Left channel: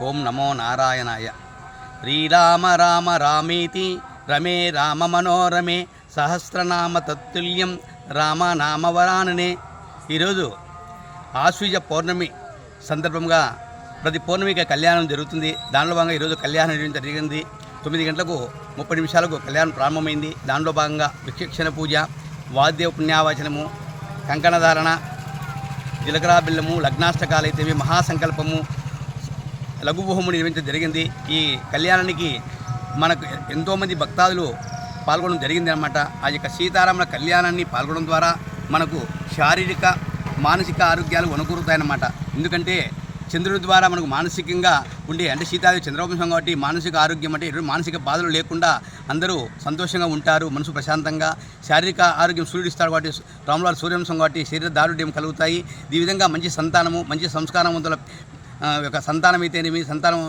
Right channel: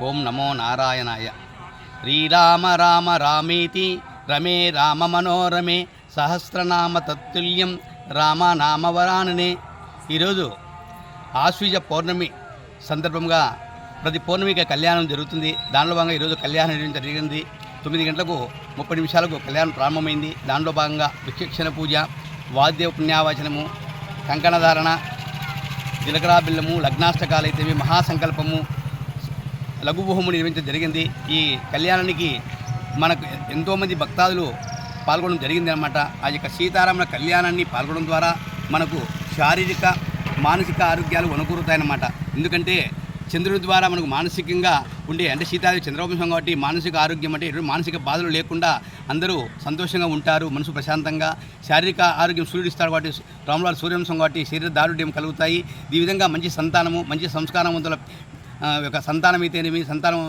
ఓం నమో నారాయణాయ. శ్రీరామ రామ రామేతి రమే రామ మనోరమే సహస్రనామ తత్తుల్యం రామ నామవరాననే ఈరోజు ఆశ్వీజ పౌర్ణమి సందర్భంగా ప్రతి పౌర్ణమికి కళ్యాణం జరుగుతుంది. దానిలో భాగంగా ఈరోజు కళ్యాణం జరిగింది. తొమ్మిది గంటలకు ముప్పై నిమిషాలకు కళ్యాణం ప్రారంభమైంది. దానిలో భాగంగా విక్షక్షణ పూజ వాద్య పుణ్యావచనము కంకణధారణ జీలకర్ర బిల్లము లగ్నాష్టకాలు మహాసంకల్పము లఘువోహము నిర్వహించడం జరిగింది. ఈ కళ్యాణానికి మనకు ఎంతోమంది భక్తాదులు పాల్గొనడం జరిగింది అనమాట ఆ యొక్క సీతారాముల కళ్యాణాన్ని పాల్గొనడం ద్వారా మనకు శారీరక మానసిక ఆరోగ్యాలు వనకూరుతాయన్నమాట. ఎందుకంటే చంద్రుడి ద్వారా మనకు మానసికంగా ఉండే అంటే సీతాదేవి చంద్రవంశం కాబట్టి మానసిక ఆరోగ్యం అంటే ఎటువంటి మానసిక బాధలు లేకుండా అందరూ సంతోషంగా ఉంటారు మనసు ప్రశాంతంగా శారీరక ఆరోగ్యం సూర్యుడు ఇస్తాడు కాబట్టి రాములవారి సూర్యవంశం కాబట్టి శరీర దారుఢ్యం కలుగుతాయి. ఈ విధంగా మంచి సంతానము మంచి సంస్కారవంతుల యొక్క సంతానం అయితేనేమి సంతానం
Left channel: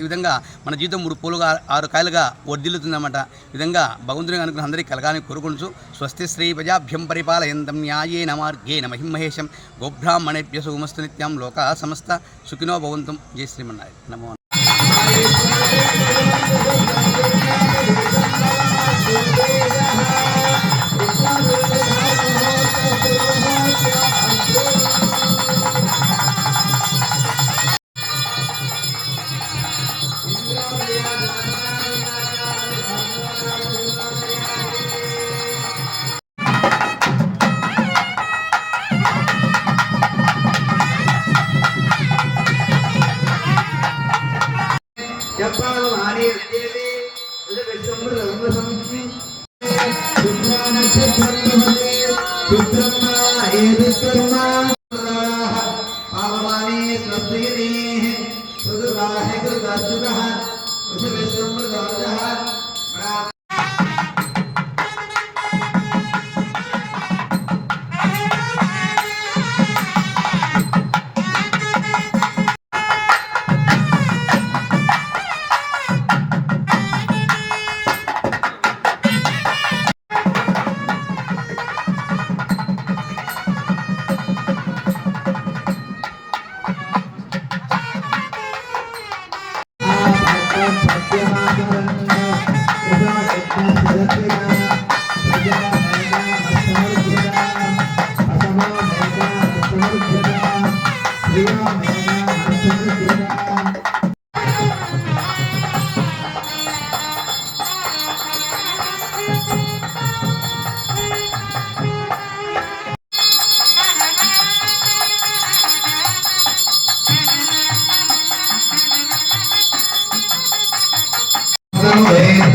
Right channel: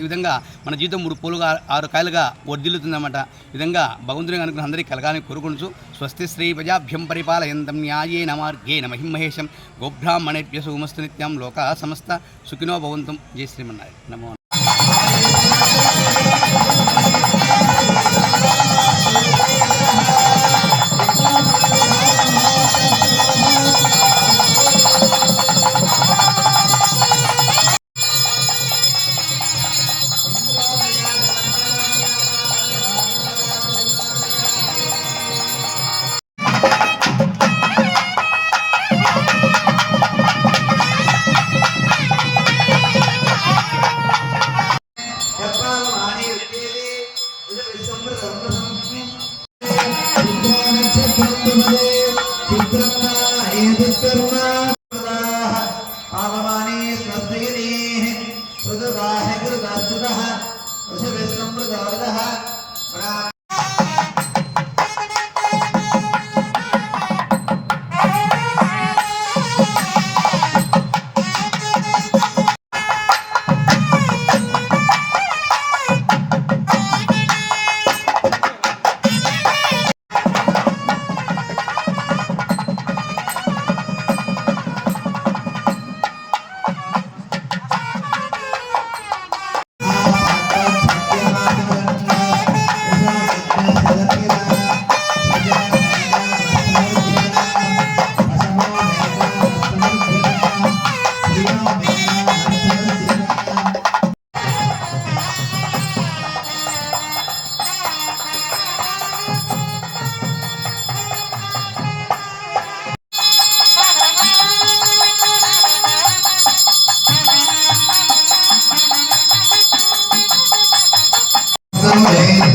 ఈ విధంగా మన జీవితం మూడు పూలుగా ఆరు కాయలుగా వర్ధిల్లుతుందన్నమాట విధంగా భగవంతుని అనుకున్న అందరికీ కలగాలని కోరుకుంటూ స్వస్తి శ్రీ ప్రజాభ్యం పరిపాలయంతం న్యాయేన మార్గేణ మహిమహేషం గోబ్రాహ్మణేభ్య సుమస్తు నిత్యం లోకా సమస్త సుఖినో భవంతం. జయ శ్రీమన్నారాయణ. నమో